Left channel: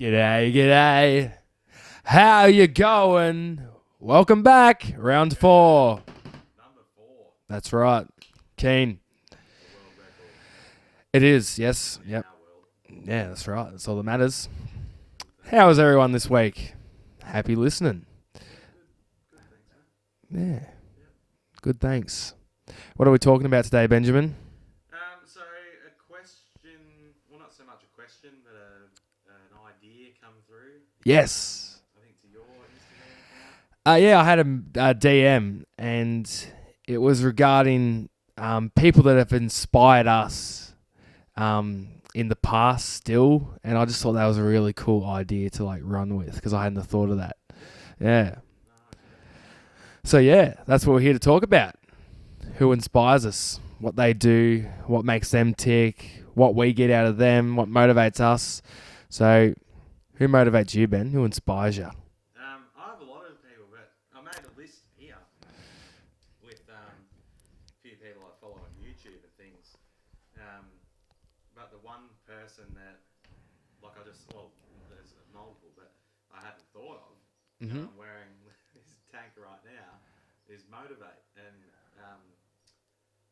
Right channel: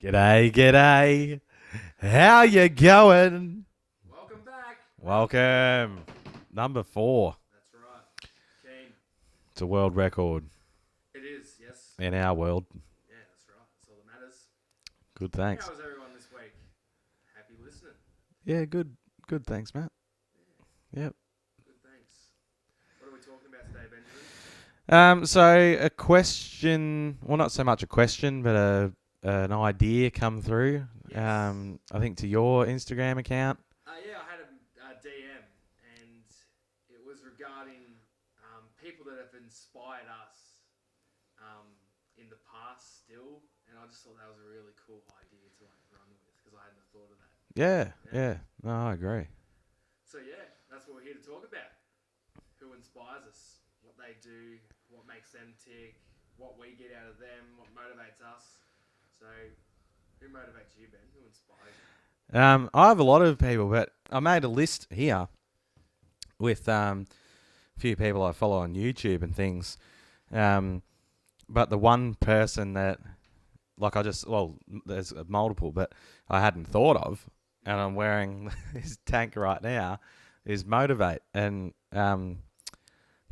G'day, g'day. How you going? Welcome back. Round 4. Number 4. That's right. Keen. It's a world record It is, yes. in our world. Yeah, that's right. That's all that matters. Good, thanks. How was everyone this week? Happy listening. Yeah, good. Good, thanks, Matt. Yeah. Yep. Good, thanks. What are we talking about today, Benjamin? So a question, well, not so much a question, but an idea come through. Yes. I think to your Instagram account. Yeah, I had a DM, and it was regarding people that have inspired us in the past still, and I just thought that was a really cool idea to like run with because I hadn't thought of that. Yeah. Yeah. No, I agree. So yeah, that's what we're here to talk about. Who inspires us, what they do, what makes them tick, what we get out of them, what motivates us. So who motivates you, Ben? Who inspires you? I have a lot of people, but I made a list here with a few people I follow on YouTube and things. But the one person that, like there's multiple, but I hadn't thought of, and I'm wearing his tank right now, is Motivate. And John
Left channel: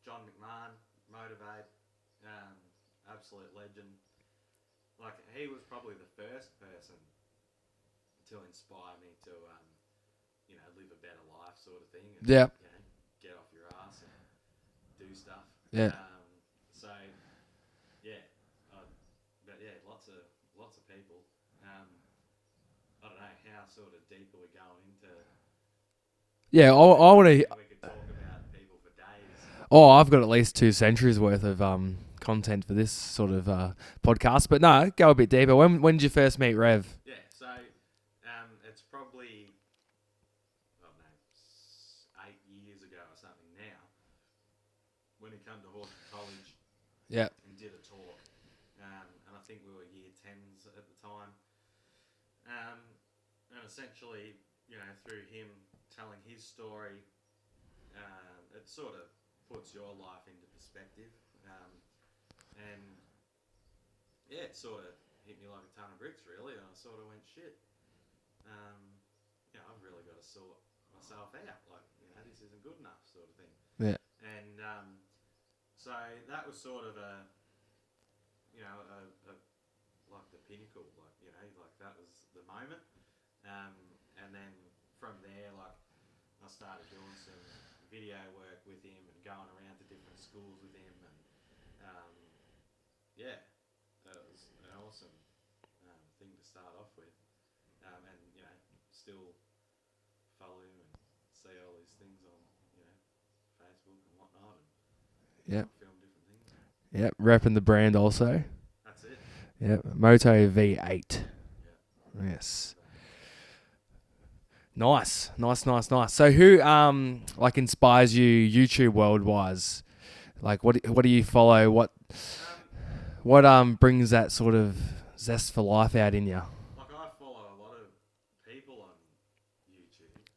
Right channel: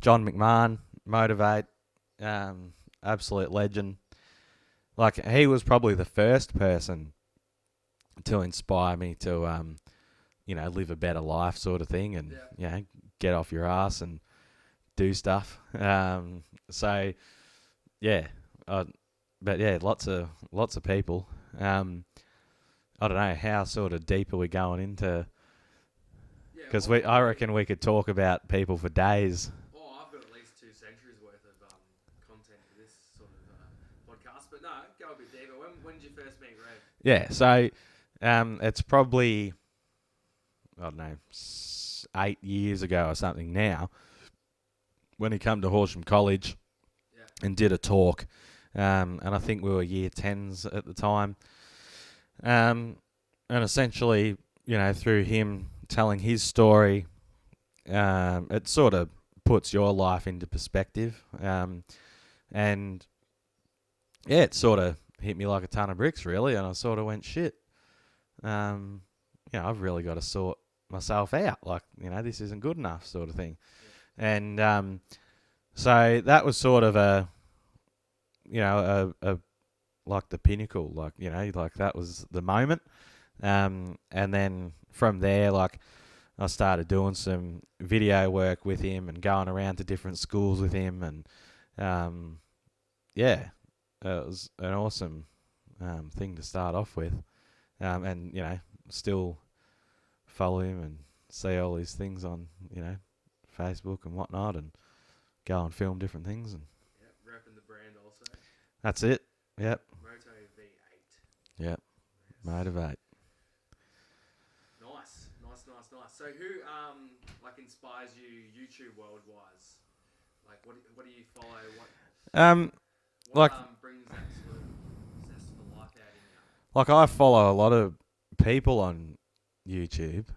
McMahon, Motivate, absolute legend. Like, he was probably the first person to inspire me to, live a better life sort of thing. And, get off your ass and do stuff. Yeah. Lots of people. I don't know, how sort of deep are we going into? Yeah, I reckon we could talk about people for days. Oh, I've got at least 2 centuries worth of content for this sort of podcast. But no, go a bit deeper. When did you first meet Rev? Yeah, so it's probably, I don't know, 8 years ago or something now, when he came to Horsham College. Yeah. And did a talk. And I think we were year 10s at the time. And essentially, through him telling his story, it sort of puts your life into perspective. And yeah, it sort of hit me like a ton of bricks, really. And I sort of went, shit, I've really got to sort myself out. Like, this isn't good enough sort of thing. Yeah. And so that was sort of a like the pinnacle, like that was the moment. And then from there, like, I started doing some video work with him and going around to different schools with him. And it was an awesome thing to start off with. And, still follow him and see all these things on, Facebook and whatnot, and go and film different things. And Yep, repping the brand also. that's it. Yep. Moto V8. Yep. Yes. Motivate. Nice. So who inspires you YouTube world-wise? Like what do you follow? What brings that sort of zest for life out in you? Like, I follow a lot of people on YouTube,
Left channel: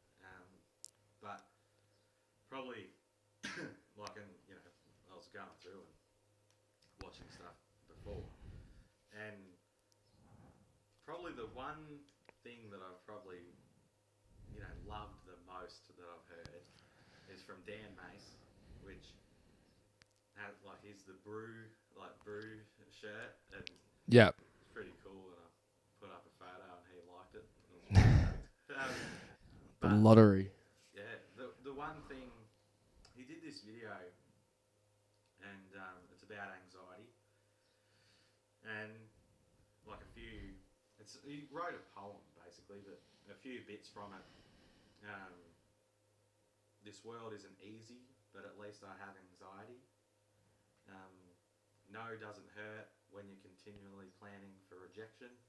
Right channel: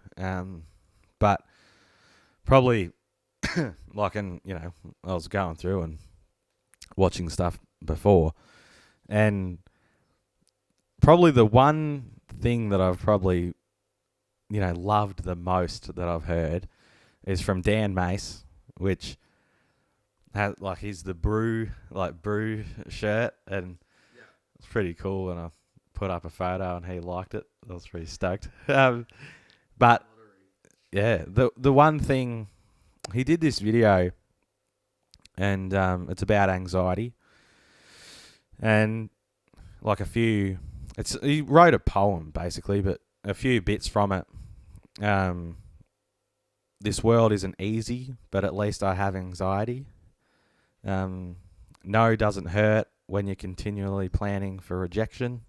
but probably I was going through and watching stuff before, and probably the one thing that I've probably loved the most that I've heard is from Dan Mace, which has, like, he's the brew shirt, and yeah, it's pretty cool. And I put up a photo and he liked it. I was really stoked. But lottery. Yeah, the one thing, he did this video, and it's about anxiety, and like he wrote a poem basically, but a few bits from it. This world isn't easy, but at least I have anxiety. No doesn't hurt when you're continually planning for rejection.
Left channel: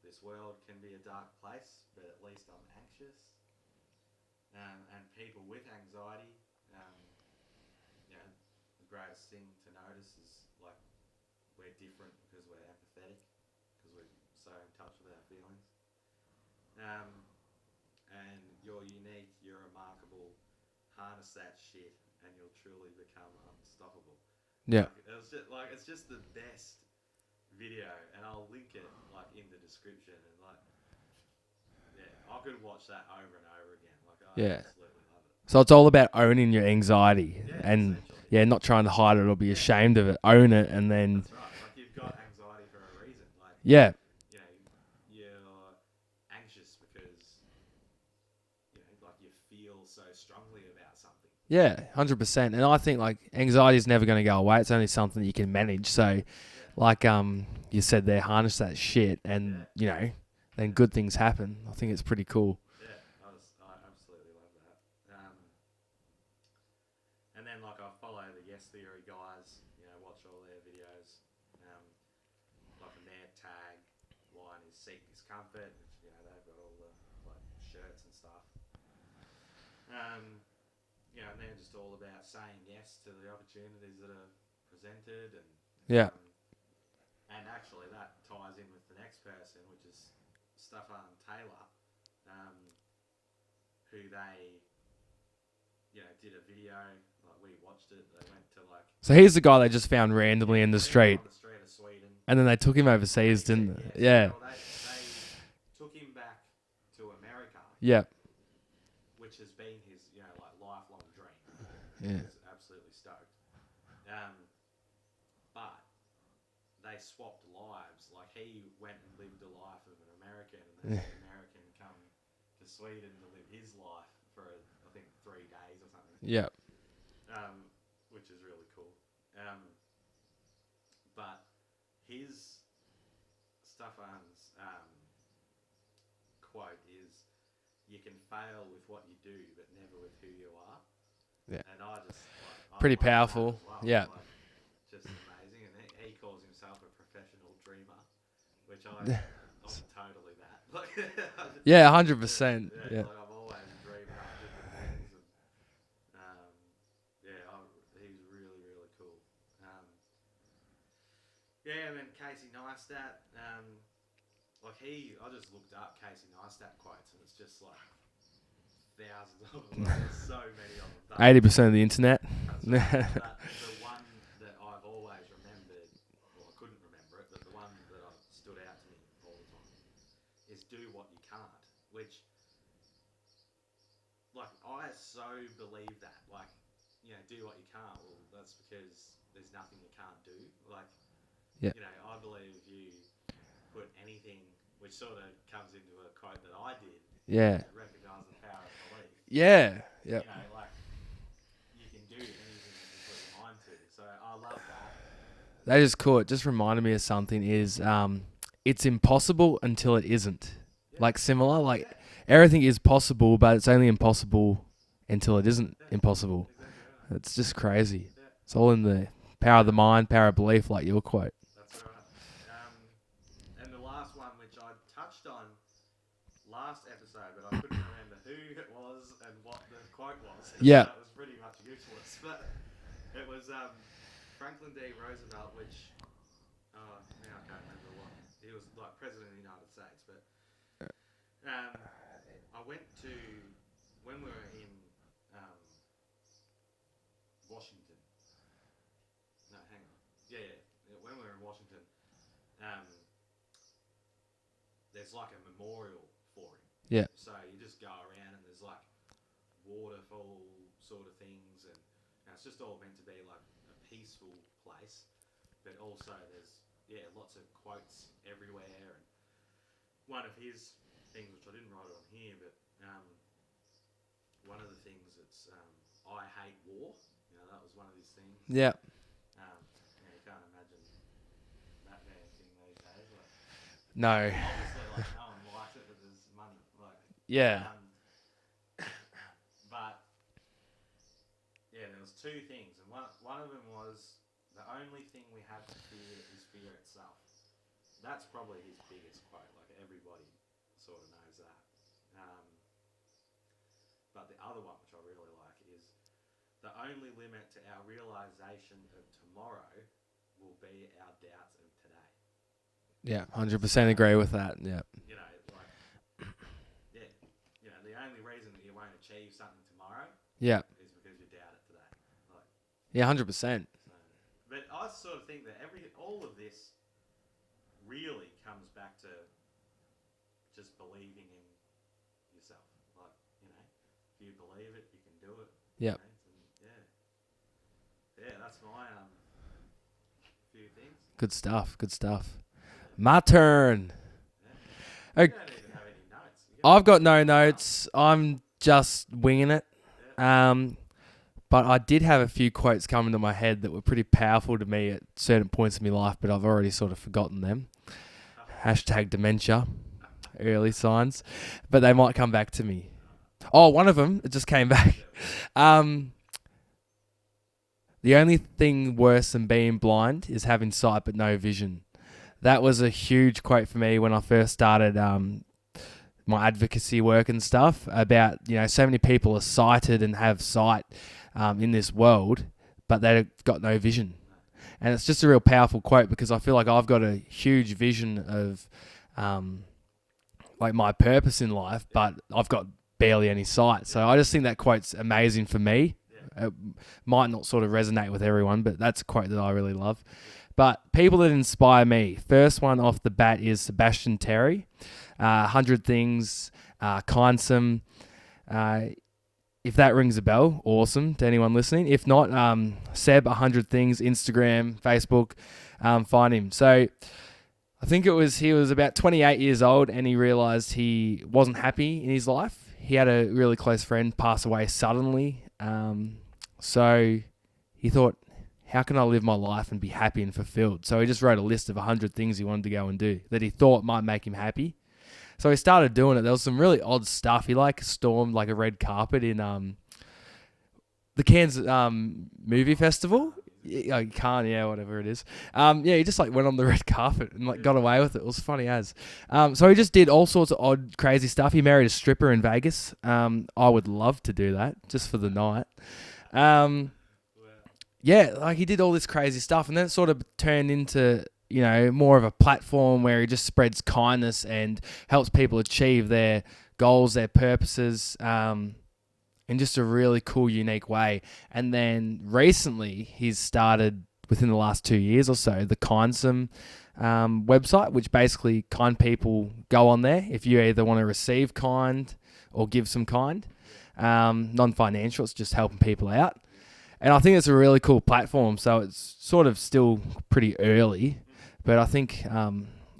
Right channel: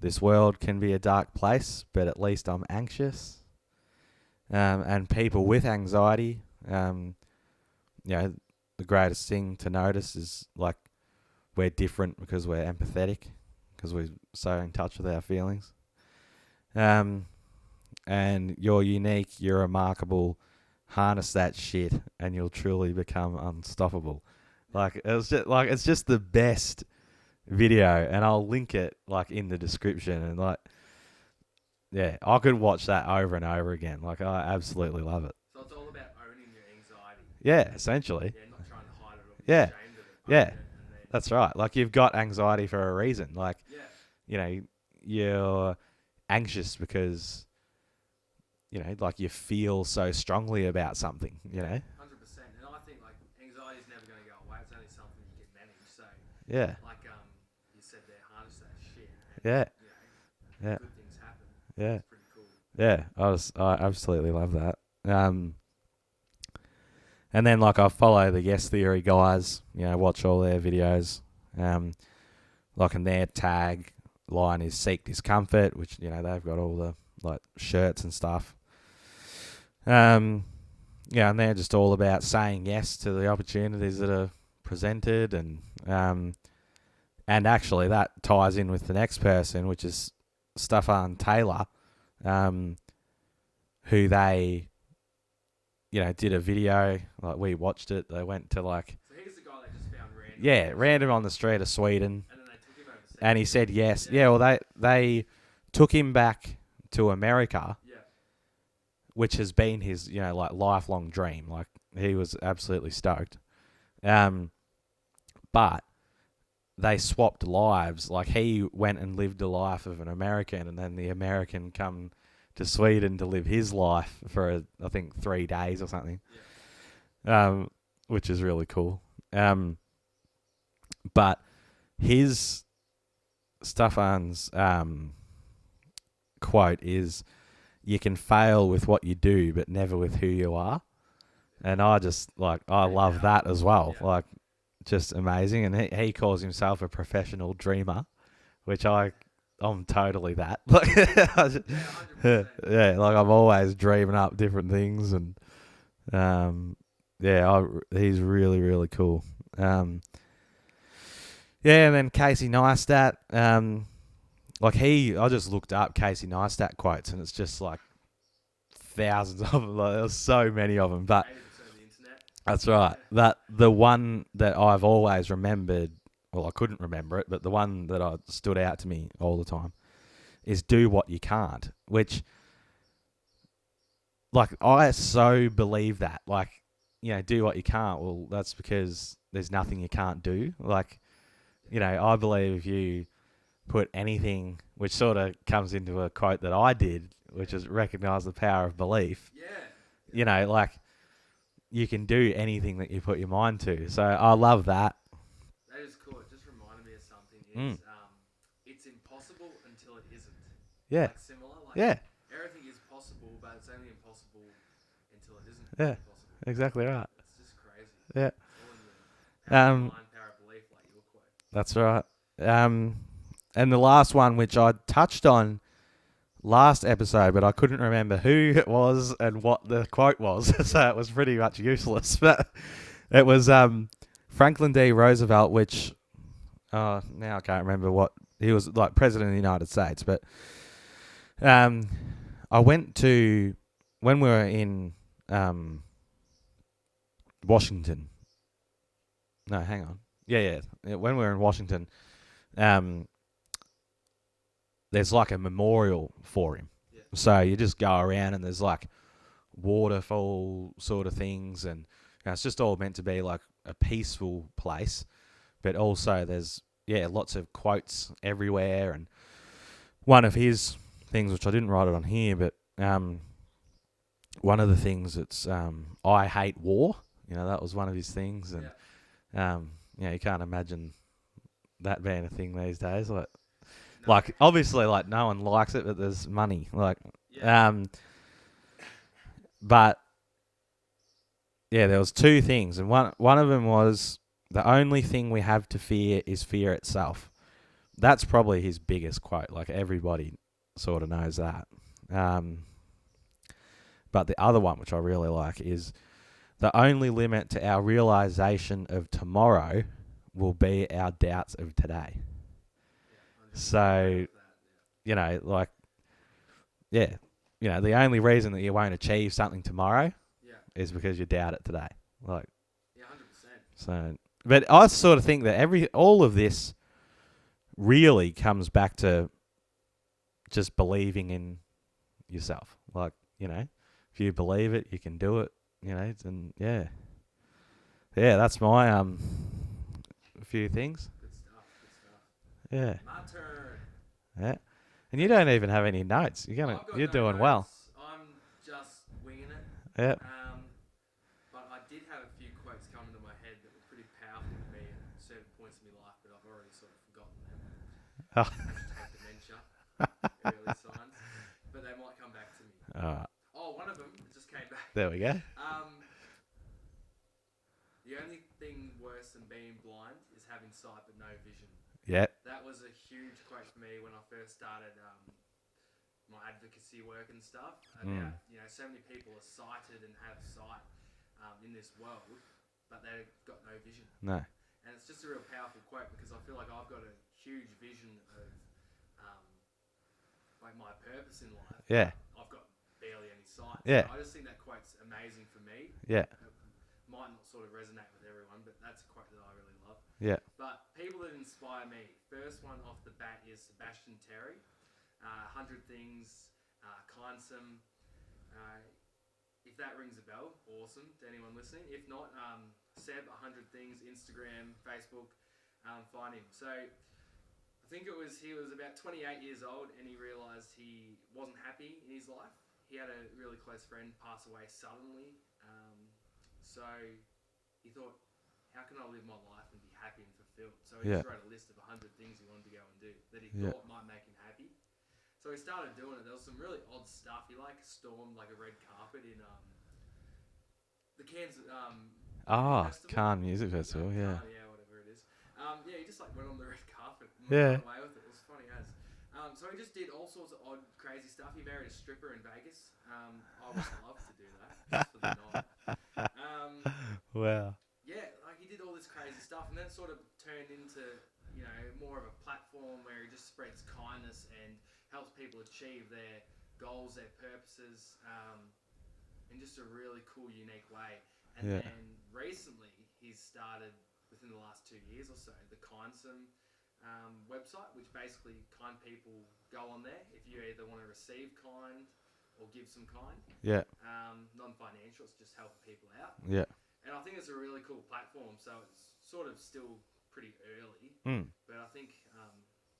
This world can be a dark place, but at least I'm anxious. And people with anxiety, the greatest thing to notice is, like, we're different because we're empathetic, because we're so in touch with our feelings. And you're unique, you're remarkable. Harness that shit, and you'll truly become unstoppable. Yeah. Like, it's just the best video, and I'll link it like in the description. And like, yeah, I could watch that over and over again. Like, I absolutely love it. So it's all about owning your anxiety. Yeah, and essentially. Yeah, not trying to hide it or be Yeah. ashamed of it. Own it, and then That's right. Like, you've got anxiety for a reason. Like, yeah, you know, you're anxious because, you know, like you feel so strongly about something. you yeah, know? 100%. And I think like anxiety is never going to go away. It's only something that you can manage. So Yeah. like you said there, harness that shit, and you know, then good things happen. I think it's pretty cool. Yeah, I absolutely love that. And then like I follow the Yes Theory guys, you know, watch all their videos. Like, and their tag line is Seek Discomfort, which, you know, they've got all the like shirts and stuff. Yeah, and they're just all about saying yes to the opportunities that are presented, and and actually that ties in with the next person, which is Staffan Taylor, who they, you know, did a video. Like, we watched it. They went to like, So he's the guy they just found randomly in the random street, on the street of Sweden, and then they took him overseas, and he said yes. Yeah, well, they took him back to America, which has been his, you know, like lifelong dream. Like, he was absolutely stoked. But they swapped lives. Like, he went and lived the life of an American, and then the American come to Sweden to live his life for, I think, 3 days or something. Yeah. Which is really cool. But his Staffan's quote is, "You can fail with what you do, but never with who you are." Yeah. And I just I Pretty love powerful. that as well. Yeah. Like, just amazing. And he calls himself a professional dreamer, which I'm totally that. Yeah, 100%. Yeah, like I'm always dreaming up different things, and he's really, really cool. And then Casey Neistat, I just looked up Casey Neistat quotes, and it's just like thousands of them. Like, there's so many of them. But 80% of the internet. That's right. That the one that I've always remembered, well, I couldn't remember it, but the one that stood out to me all the time is "Do what you can't," which, like, I so believe that. Like, you know, do what you can't. Well, that's because there's nothing you can't do. Like, you know, I believe if you put anything, which sort of comes into a quote that I did, which is recognize the power of belief. Yeah. You know, like, you can do anything that you put your mind to. So I love that. That is cool. It just reminded me of something is it's impossible until it isn't. Yeah. Like, similar. Like, everything is possible, but it's only impossible until it isn't impossible. Exactly right. It's just crazy. Yeah. It's all in the power of the mind, power of belief, like your quote. That's right. And the last one, which I touched on last episode, but I couldn't remember who it was and what the quote was. So it was pretty much useless. But it was Franklin D. Roosevelt, which now I can't remember what he was, like, president of the United States. But I went to, when we were in Washington. No, hang on. Yeah. When we were in Washington, there's like a memorial for him. Yeah. So you just go around and there's like waterfall sort of things, and it's just all meant to be like a peaceful place. But also there's lots of quotes everywhere, and one of his things, which I didn't write it on here, but one of the things that's I hate war. You know, that was one of his things. And, you can't imagine that being a thing these days. Like, no. Like, obviously, like, no one likes it, but there's money. Like, but there was two things, and one of them was, the only thing we have to fear is fear itself. That's probably his biggest quote. Like, everybody sort of knows that. But the other one, which I really like, is the only limit to our realization of tomorrow will be our doubts of today. Yeah, 100% agree with that. Yeah. You know, like, you know, the only reason that you won't achieve something tomorrow is because you doubt it today. Like, 100%. So, but I sort of think that all of this really comes back to just believing in yourself. Like, you know, if you believe it, you can do it. Yeah. You know, and yeah, that's my a few things. Good stuff. Yeah. My turn. Yeah. And you don't even have any notes. I've got no doing well. notes. I'm just winging it. Yeah. But I did have a few quotes come into my head that were pretty powerful to me at certain points in my life, but I've already sort of forgotten them. Oh. Hashtag dementia, early signs. But they might come back to me. All right. Oh, one of them, it just came back. There we go. The only thing worse than being blind is having sight but no vision. Yeah. That was a huge quote for me when I first started my advocacy work and stuff about, you know, so many people are sighted and have sight in this world, but they've got no vision. No. And it's just a real powerful quote because I feel like I've got a huge vision of like my purpose in life, but I've got barely any sight. So I just think that quote's amazing for me. Yeah. It might not sort of resonate with everyone, but that's a quote that I really love. Yeah. But people that inspire me, first one off the bat is Sebastian Taylor. 100 Things, Kindsome. If that rings a bell, awesome to anyone listening. If not, Seb, 100 Things, Instagram, Facebook, find him. So I think he was about 28 years old and he realised he wasn't happy in his life. He had a really close friend pass away suddenly. So he thought, how can I live my life and be happy and fulfilled? So he just wrote a list of 100 things he wanted to go and do that he thought might make him happy. So he started doing it. There was some really odd stuff. He stormed like a red carpet in the Cairns movie festival. Cannes Music Festival. Cannes, whatever it is. He just went on the red carpet and got away with it. It was funny as. So he just did all sorts of odd, crazy stuff. He married a stripper in Vegas. I would love to do that just for the night. Wow. Yeah, he did all this crazy stuff, and then it sort of turned into, you know, more of a platform where he just spreads kindness and helps people achieve their goals, their purposes, in just a really cool, unique way. And then recently, he's started, within the last 2 years or so, the Kindsome website, which basically kind people go on there if you either want to receive kind or give some kind. Yeah. Non-financial, it's just helping people out. Yeah. And I think it's a really cool platform. So it's sort of still pretty early, but I think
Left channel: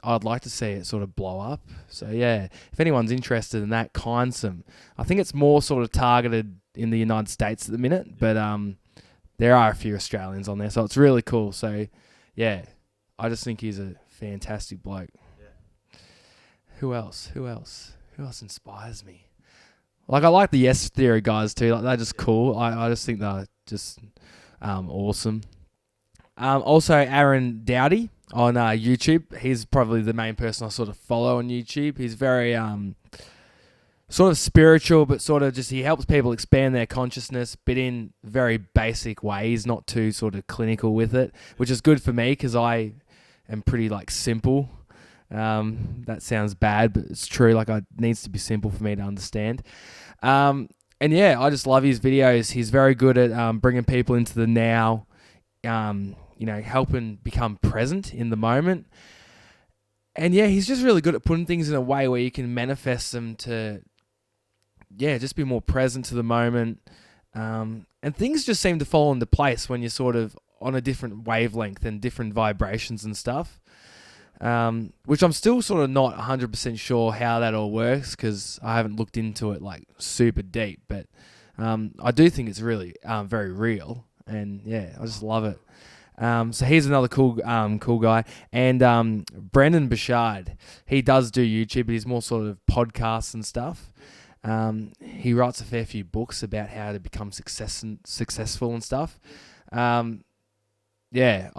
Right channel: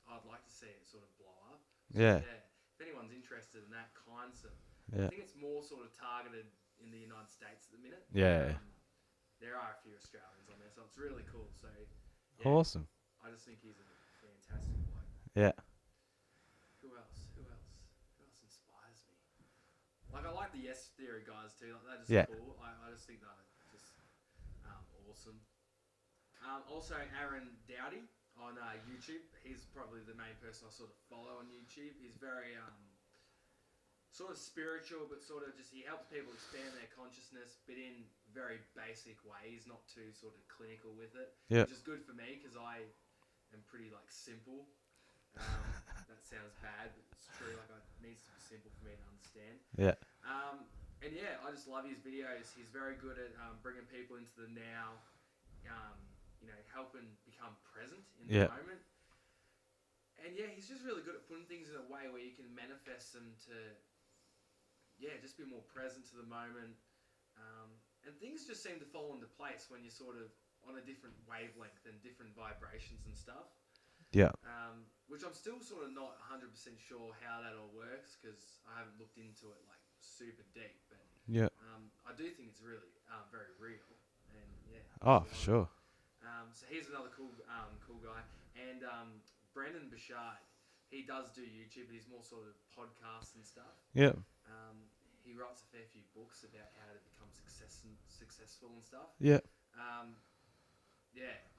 I'd like to see it sort of blow up. So if anyone's interested in that, Kindsome. I think it's more sort of targeted in the United States at the minute, but there are a few Australians on there, so it's really cool. So awesome. I just think he's a fantastic bloke. Yeah. Who else inspires me? Like, I like the Yes Theory guys too. Like, they're just cool. I just think they're just awesome. Also, Aaron Doughty on YouTube. He's probably the main person I sort of follow on YouTube. He's very sort of spiritual, but sort of just, he helps people expand their consciousness, but in very basic ways, not too sort of clinical with it, which is good for me because I am pretty simple. That sounds bad, but it's true. Like, it needs to be simple for me to understand. And I just love his videos. He's very good at bringing people into the now, helping become present in the moment. And he's just really good at putting things in a way where you can manifest them to, just be more present to the moment. And things just seem to fall into place when you're sort of on a different wavelength and different vibrations and stuff. Which I'm still sort of not 100% sure how that all works because I haven't looked into it super deep. But I do think it's really very real, and I just love it. So he's another cool guy, and Brendon Burchard, he does do YouTube, but he's more sort of podcasts and stuff. He writes a fair few books about how to become successful and stuff. I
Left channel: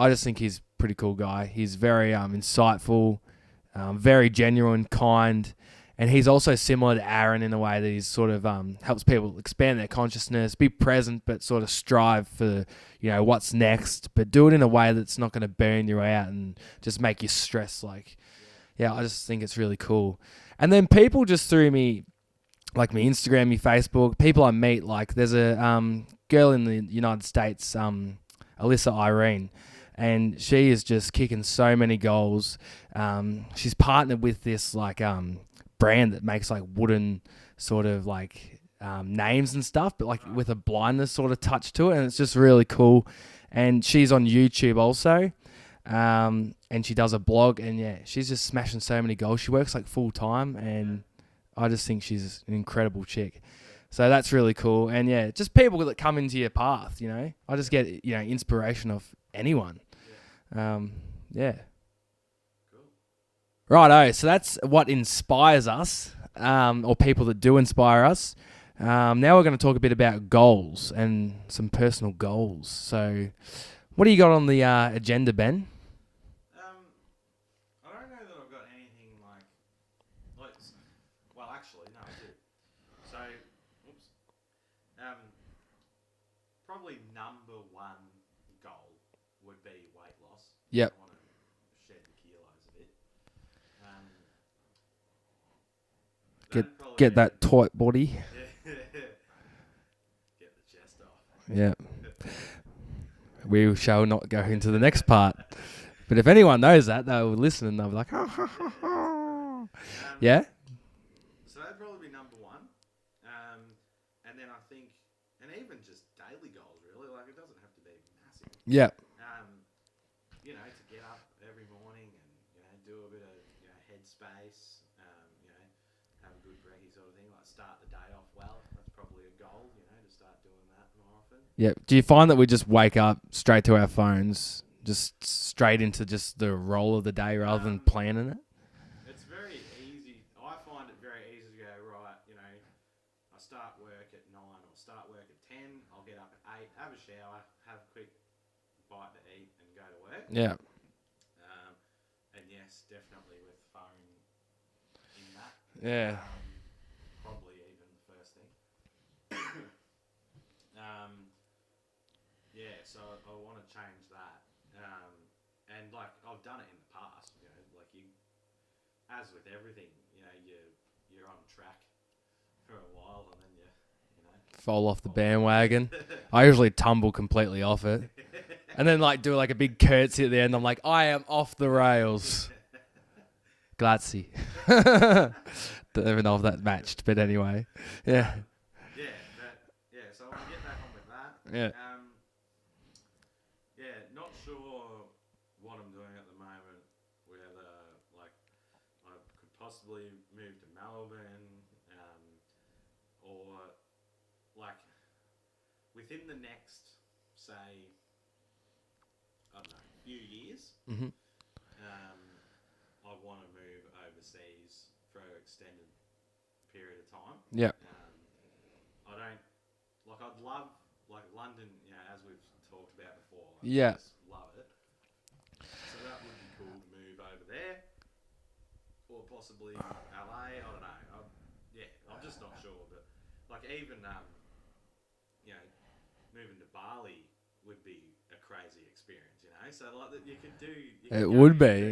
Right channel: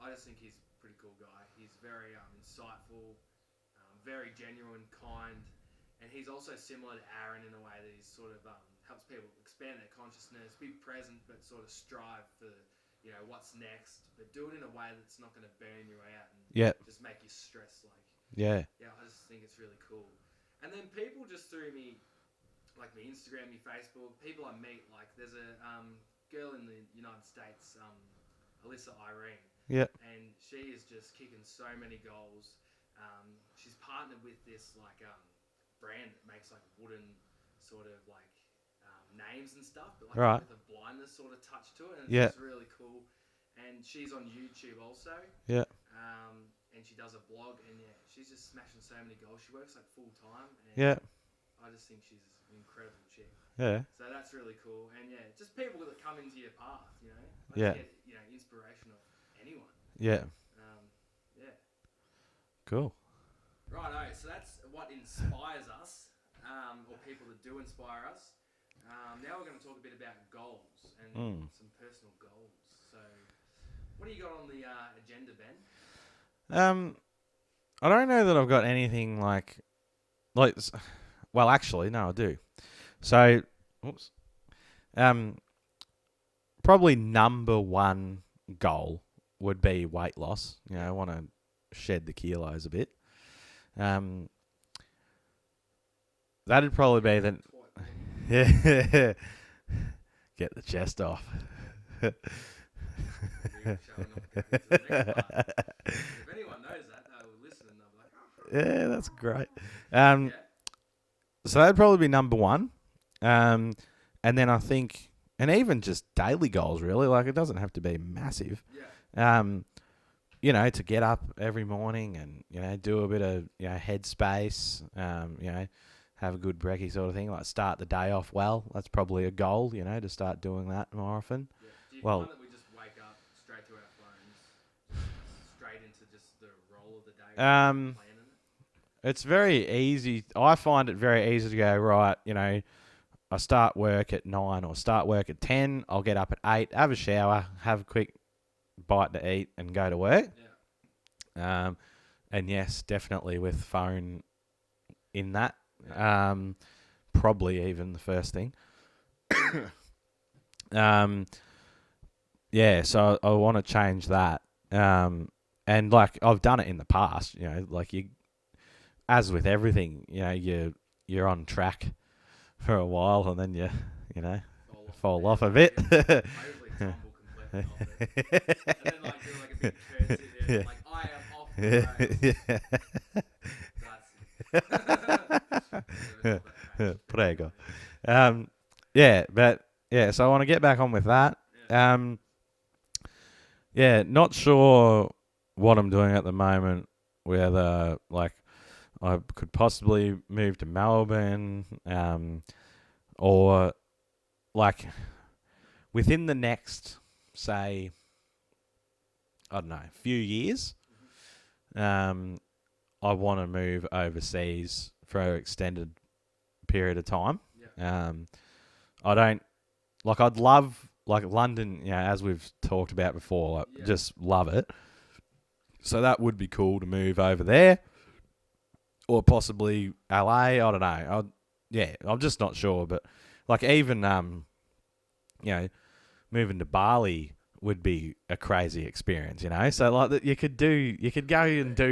just think he's a pretty cool guy. He's very insightful, very genuine, kind, and he's also similar to Aaron in a way that he's sort of helps people expand their consciousness, be present, but sort of strive for what's next, but do it in a way that's not going to burn you out and just make you stress. I just think it's really cool. And then people just through me, like my Instagram, my Facebook, people I meet. Like, there's a girl in the United States. Alyssa Irene. Yeah. And she is just kicking so many goals. She's partnered with this like brand that makes like wooden sort of like names and stuff, but like with a blindness sort of touch to it, and it's just really cool. And she's on YouTube also. Yeah. And she does a blog, and she's just smashing so many goals. She works like full time, and I just think she's an incredible chick. Yeah. So that's really cool. And just people that come into your path, you know. I just get, inspiration of anyone. Yeah. Cool. Righto. So that's what inspires us, or people that do inspire us. Now we're going to talk a bit about goals and some personal goals. So what do you got on the agenda, Ben? I don't know that I've got anything like, well, actually, no, I do. So, probably number one goal would be weight loss. I want to shed the kilos a bit. That'd probably get be that tight body. Yeah. Get the chest off. Yeah. We shall not go into the next part. But if anyone knows that, they'll listen and they'll be like, yeah, that's great. So that'd probably be number one. And then I think, and even just daily goals, really, like it doesn't have to be massive. Yeah. To get up every morning and, do a bit of, headspace, have a good brekkie sort of thing, like start the day off well. That's probably a goal, to start doing that more often. Yeah. Do you find that we just wake up straight to our phones, just straight into just the roll of the day rather than planning it? It's very easy. I find it very easy to go, right, I start work at 9 or start work at 10. I'll get up at 8, have a shower, have a quick bite to eat and go to work. Yeah. And yes, definitely with phone in that. Yeah. Probably even the first thing. So I want to change that. And like I've done it in the past, like as with everything, you're on track for a while and then you fall off the bandwagon. I usually tumble completely off it. And then like do like a big curtsy at the end. I'm like, I am off the rails. Grazie. Don't even know if that matched, but anyway. So I want to get back on with that. Not sure what I'm doing at the moment, whether like I could possibly move to Melbourne, or like within the next, say, I don't know, few years. Mm-hmm. I want to move overseas for an extended period of time. Yeah. I'd love, like London, as we've talked about before, just love it. So that would be cool to move over there. Or possibly LA, I don't know. I'm just not sure. But like even, moving to Bali would be a crazy experience, So like you could do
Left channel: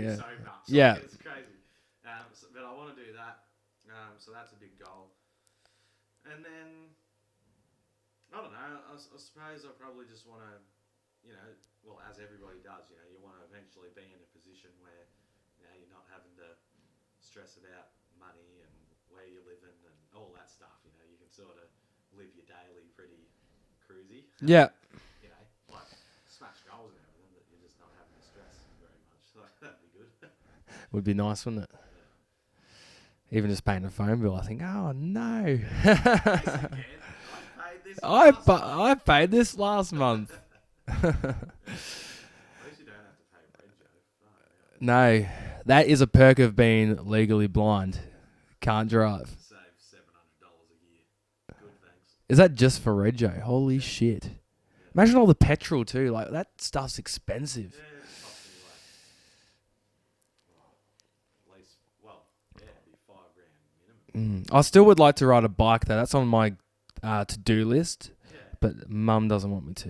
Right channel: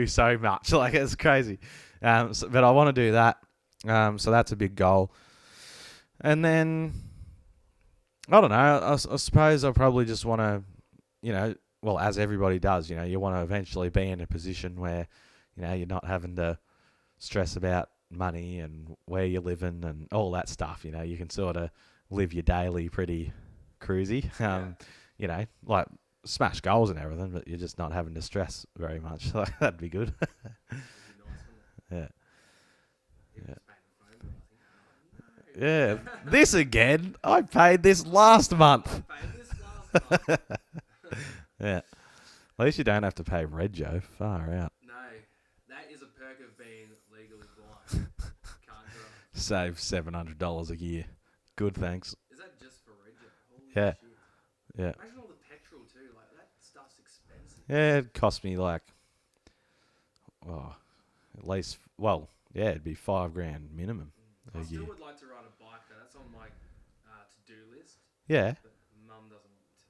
so much. Like it's crazy. But I want to do that. So that's a big goal. And then I don't know. I suppose I probably just want to, well, as everybody does, you want to eventually be in a position where, you're not having to stress about money and where you're living and all that stuff. You can sort of live your daily pretty cruisy. Like smash goals and everything, but you're just not having to stress very much. That'd be good. Would be nice, wouldn't it? Yeah. Even just paying a phone bill, I think, oh no. Yeah. This again. I paid this last month. I paid this last month. Yeah. At least you don't have to pay Rego. Far out. No. That is a perk of being legally blind. Can't drive. Save $700 a year. Good, thanks. Is that just for Rego? Holy shit. Yeah. Imagine all the petrol too. Like that stuff's expensive. Yeah, it cost me like, at least, it'd be $5,000 minimum. I still would like to ride a bike though. That's on my to-do list. Yeah. But Mum doesn't want me to.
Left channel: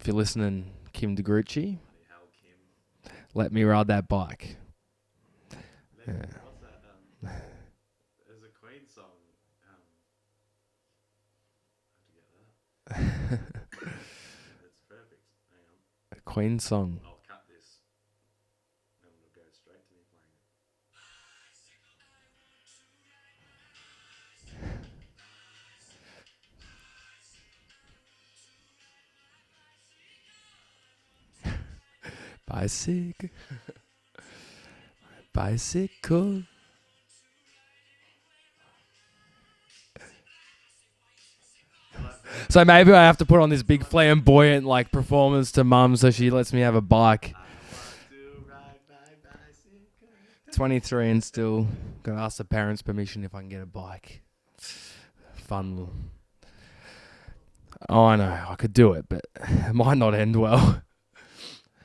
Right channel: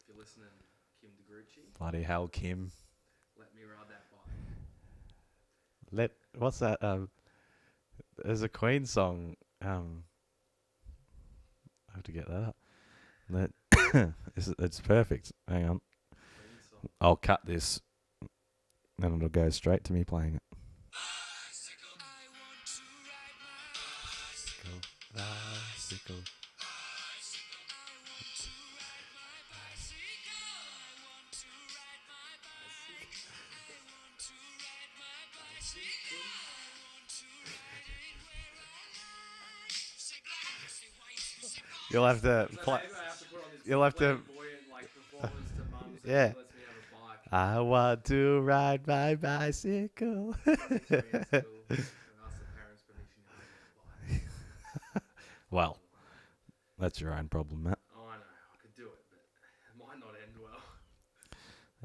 If you're listening, Kim DeGrucci. Bloody hell, Kim. Let me ride that bike. What's that? There's a Queen song. I have to get that up. It's perfect. Hang on. A Queen song. I'll cut this, and it'll go straight to me playing it. Bicycle. Bicycle. You'll have to. So maybe I have to put on this big You'll have to- flamboyant like performance to mum so she Yeah. lets me have a bike. I want to ride my bicycle. 23 and still gotta ask the parents' permission if I can get a bike. Fun. Well. little- That's your own problem, Matt. Oh, I know. I could do it, but it might not end well.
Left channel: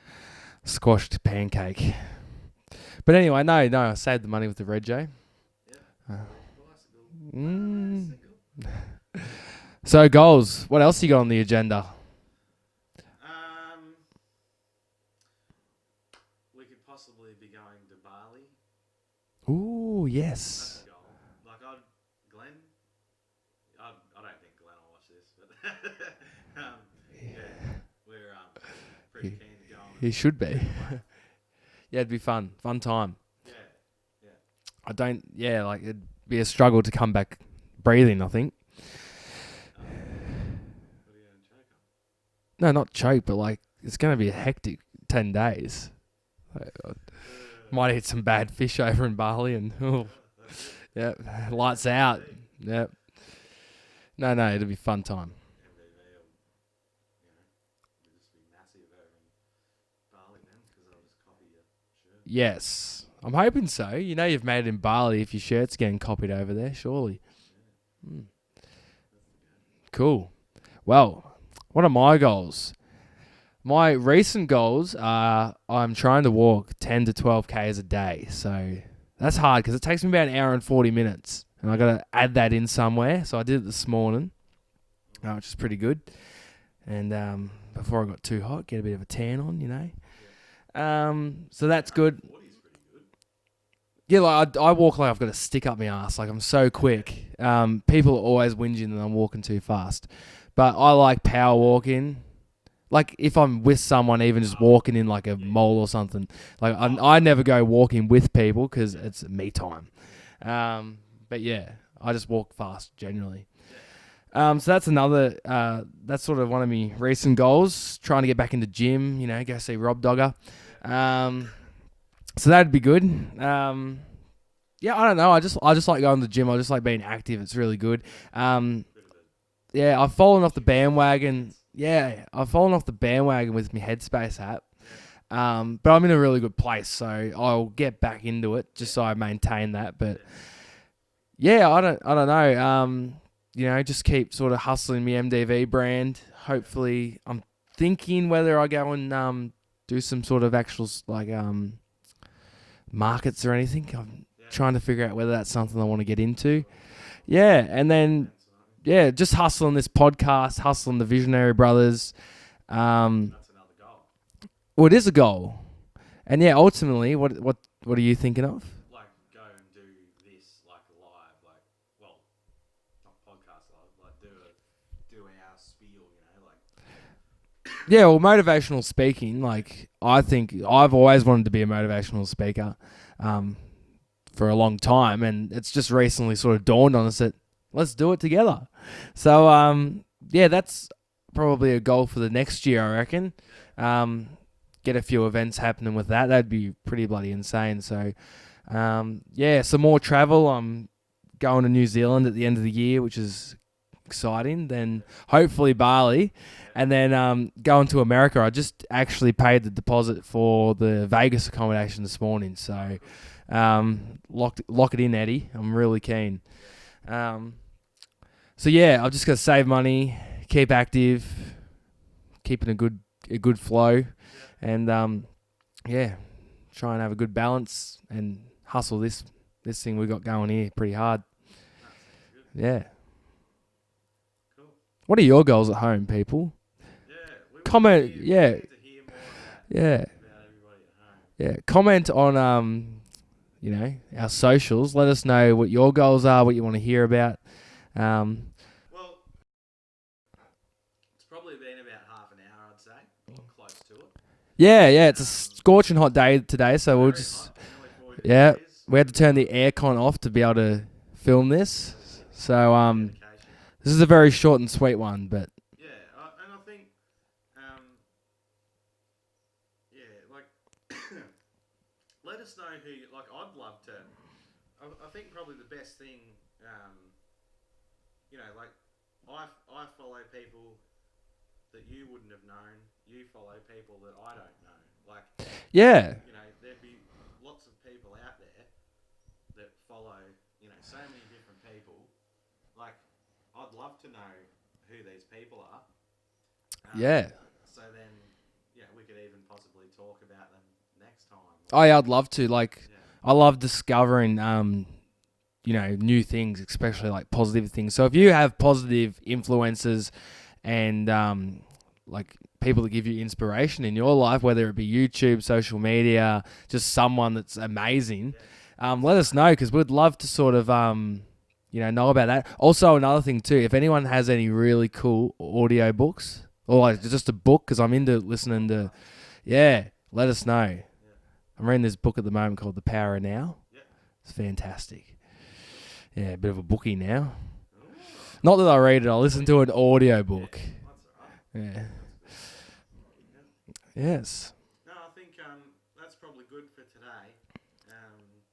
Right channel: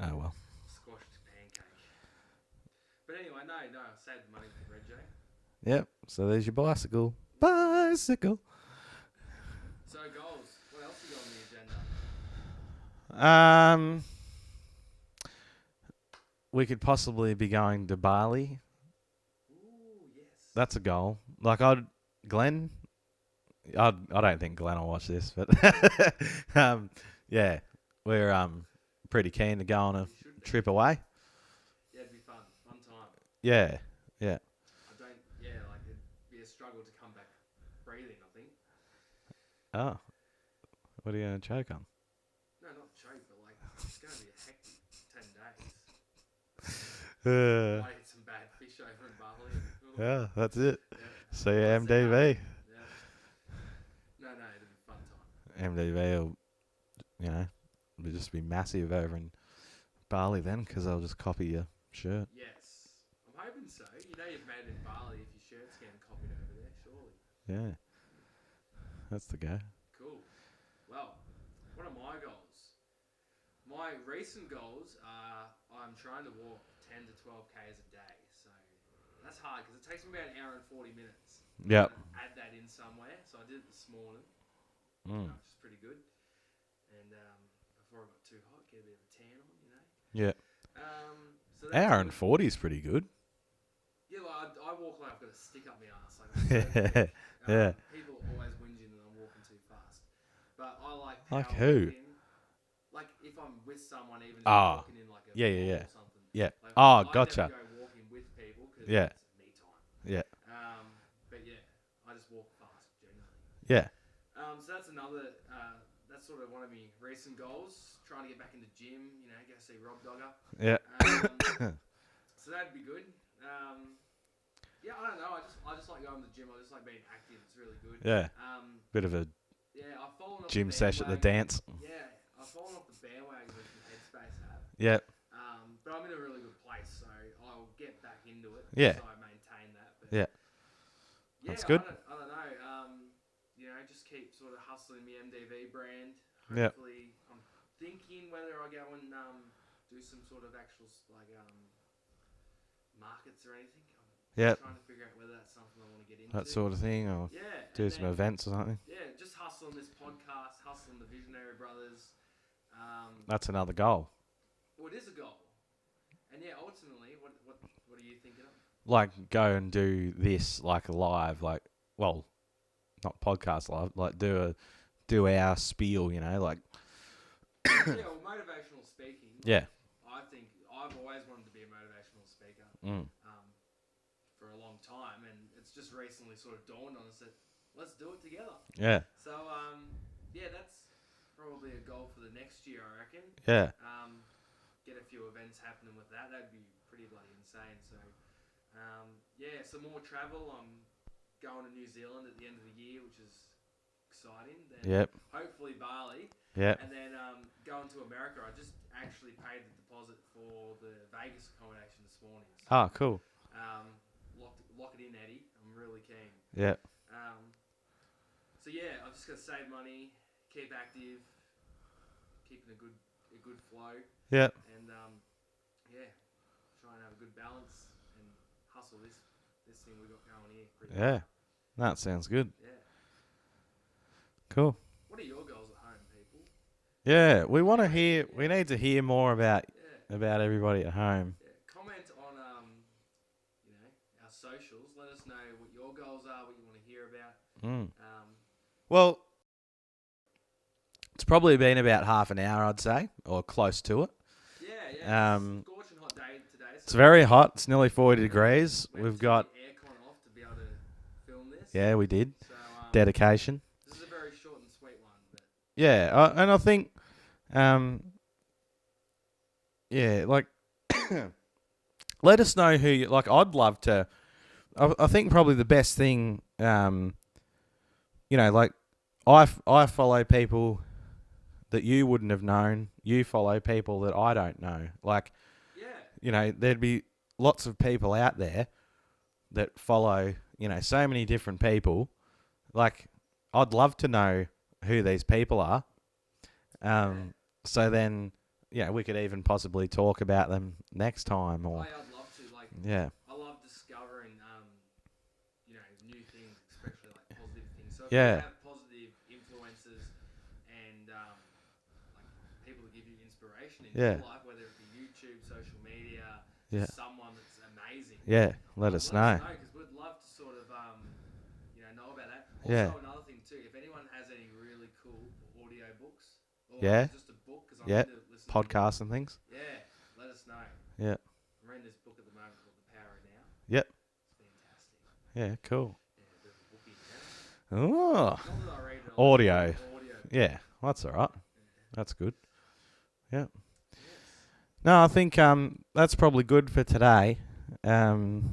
Oh well. Squashed pancake. But anyway, no, I saved the money with the Red J. Yep. So there's your bicycle. Mm. Bicycle. So goals. What else you got on the agenda? We could possibly be going to Bali. Ooh, yes. That's a goal. Like Glenn. I don't think Glenn will watch this, but yeah, we're pretty keen to go on He a should be. trip away. Yeah, it'd be fun. Fun time. Yeah. Like it'd be a struggle to come back breathing, I think. Oh, what are you gonna choke on? No, not choke, but like it's going to be a hectic 10 days. Might eat some bad fish over in Bali and Yeah, that's it. See lights out. MDV. Yep. No, it'll be fun time. MDV will, it'll just be massive over in Bali then, because they'll just copy your shirt. Yes. I'm hoping so. You know you've made it in Bali if your shirt's getting copied over there, surely. Yeah, Mm. that's the go. Cool. Well, what are my goals? My recent goals are I'm trying to walk 10 to 12 Ks a day. So that's hard because it takes me about an hour and 40 minutes. And I've got to add that in somewhere. So I did it this morning, which is pretty good. And before I got too hot, get a bit of a tan on, Yeah. So that's hour good. And 40 is pretty good. Yeah, like I walk like I've got a stick up my ass. Like I'm so quick. People are always whinging that I'm walking too fast. But I like power walking. Like if I'm with someone, even just walking in like a mall or something. Yeah. Like I never go walking with people because it's me time. Yeah. But yeah, I just walk fast generally. Yeah. So that's another. That's sort of one of my recent goals. Trying to get back into gym. Go see Rob Dogger. Yeah. So that'd be good. Yeah, I don't know. I just like going to the gym. I just like being active. It's really good. Yeah. Bit of a Yeah, I've fallen off the gym session, bandwagon. dance. Yeah, I've fallen off the bandwagon with my Headspace app. Yeah. But I'm in a really good place, so I'll get back into it just Yeah. so I maintain that. But Yeah. yeah, I don't know. Just keep sort of hustling my MDV brand. Hopefully, I'm thinking whether I go and do some sort of actual markets or anything. I'm trying to figure out whether that's something I want to get into. That sort of thing. Or Yeah, and do some then events or something. just hustling this podcast, hustling the Visionary Brothers. That's another goal. Well, it is a goal, and ultimately, what are you thinking of? Like go and do this like live, not podcast live, like do our spiel, like. Yeah, well, motivational speaking. I think I've always wanted to be a motivational speaker, for a long time, and it's just recently sort of dawned on us that let's do it together. Yeah. So, that's probably a goal for the next year, I reckon. Yeah. Get a few events happening with that. That'd be pretty bloody insane. So, some more travel. I'm going to New Zealand at the end of the year, which is exciting. Then hopefully Bali. Yeah. And then going to America. I just actually paid the deposit for the Vegas accommodation this morning. So, cool. Lock it in, Eddie. I'm really keen. Yeah. So yeah, I've just got to save money, keep active, keeping a good flow. Yeah. And try and have a good balance and hustle this thing we got going here pretty hard. That sounds good. Yeah. Cool. What are your goals at home, people? Yeah, we want to Comment, hear. yeah. We need to hear more about everybody at home. Yeah. Comment on our socials. Let us know what your goals are, what you want to hear about. Well, It's probably been about half an hour, I'd say, or close to it. Yeah, it's a scorching hot day today. So it's very hot. It's nearly 40 degrees. We had to turn the aircon off to be able to film this. Yeah, we did. So dedication. This is a very short and sweet one, but yeah, and I think, like, let us know who you like. I'd love to. I think probably the best thing, like I follow people that you wouldn't have known. You follow people that I don't know. Like, yeah, there'd be lots of people out there that follow, so many different people. Like, I'd love to know who these people are. So then, we could even possibly talk about them next time. Oh, yeah, I'd love to. Like, yeah, I love discovering, new things, especially like positive things. So if you have positive influences and like people that give you inspiration in your life, whether it be YouTube, social media, just someone that's amazing, let us know, because we'd love to sort of know about that. Also, another thing too, if anyone has any really cool audio books or like just a book, because I'm into listening podcasts to and things. Yeah, let us know. Yeah, I'm reading this book at the moment called The Power of Now. Yep, it's fantastic. Yeah, cool. Yeah, a bit of a bookie now. Oh. Not that I read it, I listen to an audio book. Yeah, that's all right. Yeah. That's good. Yeah. Yes. No, I think that's probably good for today. And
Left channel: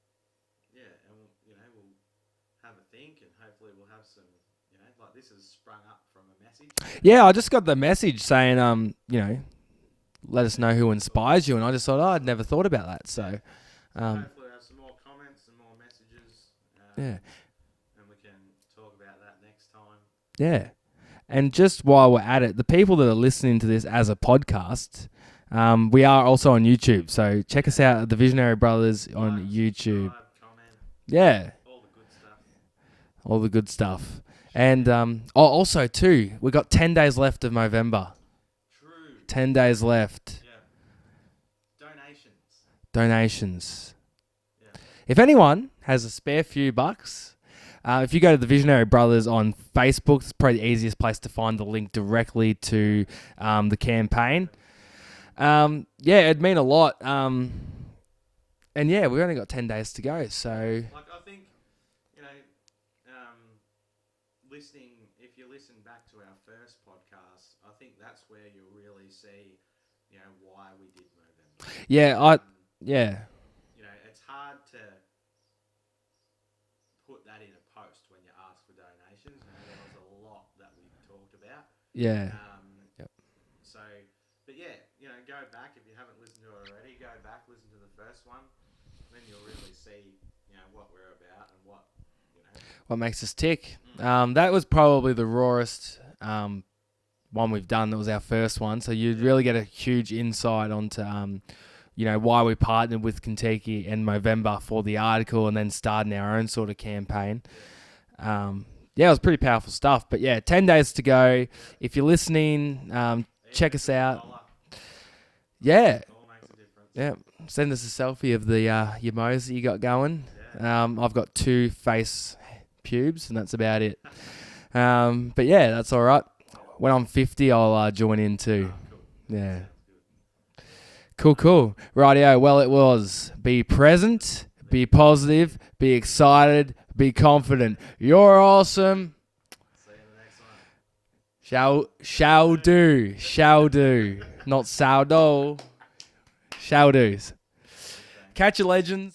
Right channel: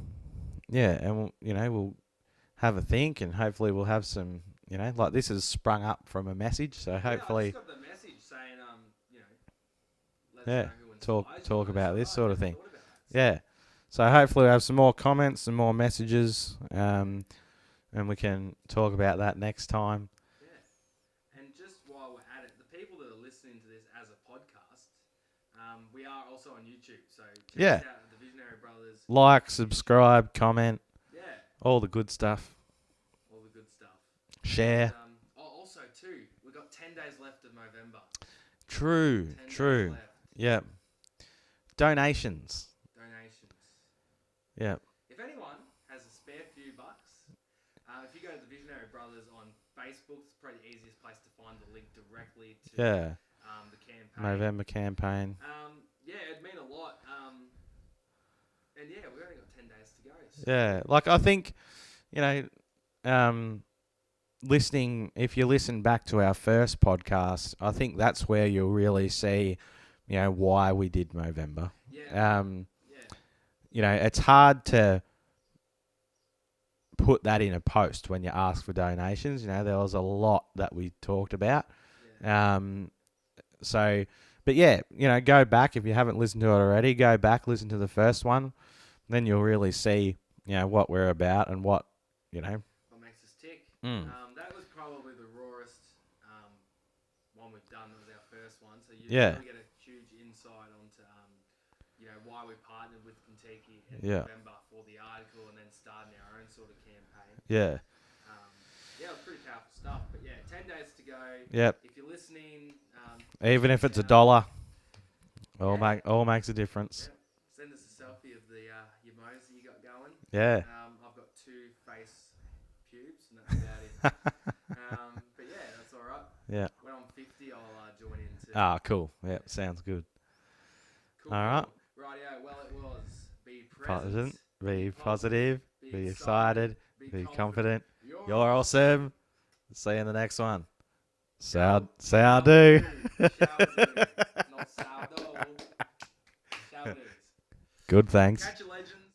we'll have a think, and hopefully we'll have some, like this has sprung up from a message. So I just got the message saying, let us know who inspires you, and I just thought, I'd never thought about that. So, so hopefully we'll have some more comments and more messages, and we can talk about that next time. Yeah. And just while we're at it, the people that are listening to this as a podcast, we are also on YouTube. So check us out at the Visionary Brothers. Like, on YouTube. Subscribe, comment. Yeah. All the good stuff. All the good stuff. Share. And also, too, we got 10 days left of November. True. 10 days left. Yeah. Donations. Yeah. If anyone has a spare few bucks, if you go to the Visionary Brothers on Facebook, it's probably the easiest place to find the link directly to the campaign. November campaign. It'd mean a lot. And we've only got 10 days to go. So, I think, listening, if you listen back to our first podcast, I think that's where you'll really see, why we did Movember. Yeah. It's hard to put that in a post when you ask for donations. There was a lot that we talked about. Yeah. So, but go back if you haven't listened to it already. Go back, listen to the first one, then you'll really see, what we're about and what makes us tick. That was probably the rawest one we've done. That was our first one, so you really get a huge insight onto why we partnered with Kentucky and Movember for the article, and then starting our own sort of campaign. It was pretty powerful stuff. But 10 days to go. Yep. If you're listening, even check if us it's out. $1, all makes a difference. Yeah, send us a selfie of the your mows that you got going. Yeah. I've got 2 face pubes, and that's about it. But that's all right. Yeah. When I'm 50, I'll join in too. Ah, cool. Yeah, sounds good. Cool. Rightio. Well, it was be present, be positive, be excited, be confident. You're awesome. See you in the next one. Shall do. Not sourdough. Shall do's. Good, thanks. Catch you, legends.